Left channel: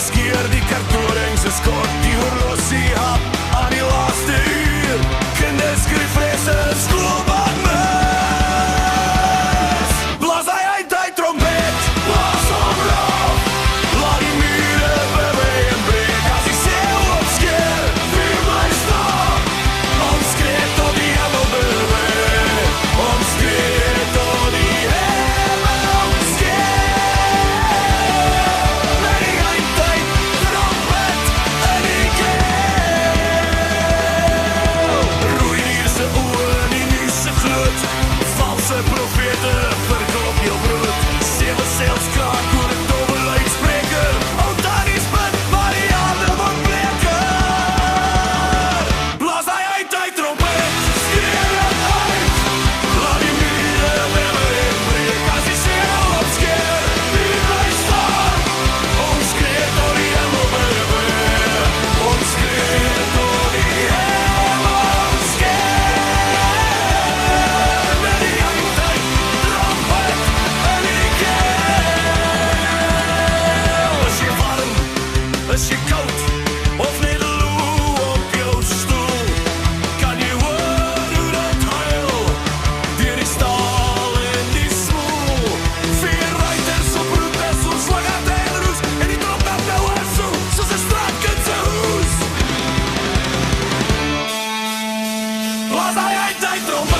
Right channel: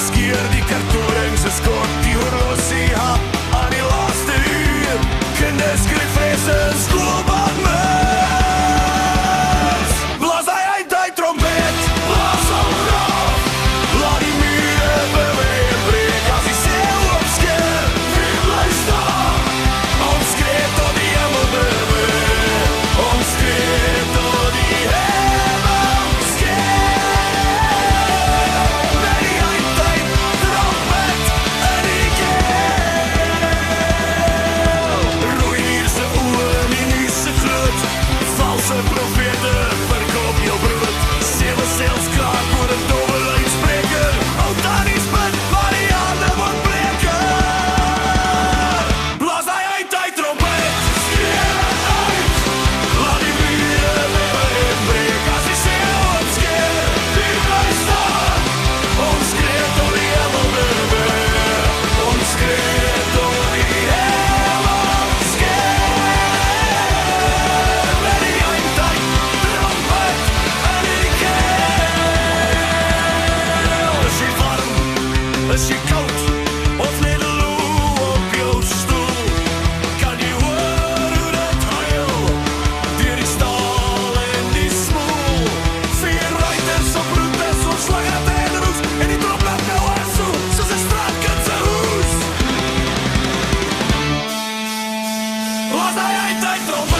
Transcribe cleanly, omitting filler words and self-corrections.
skeer die kartoring se skort, die horlosie hap aan die laaste uur. Kinders skryf vrese en skloobak mis. Blaas hy uit die trompet, blaas hom raf. Laat die mure bewe en breek, as die seil opskeer, wie bly staan? Ons skree tot die hemel bewe, ons skree tot die hemel skeer. Met die eindtyd trompet in die keel. Roei dier se oë in die nuus se gloed, valse profete verkoop jou brood. Sewe seels kraak oor 'n dobbel uitspreker. Ou tannie spit, maar die aarde word bleker. Blaas hy uit die trompet, skree dit uit. Laat die mure bewe en breek, as die seil opskeer, wie bly staan? Ons skree tot die hemel bewe, ons skree tot die hemel skeer. Met die eindtyd trompet in die keel. Is jy warm, is jy koud, of net loe op jou stoel? Kan jy hoor hoe dit huil, deur die staal en die smoel? 4 ruiters op roetes, ons slaggat en roes, en die trompet nou is so, soos 'n straatkind se hoes. Blaas hy uit die trompet,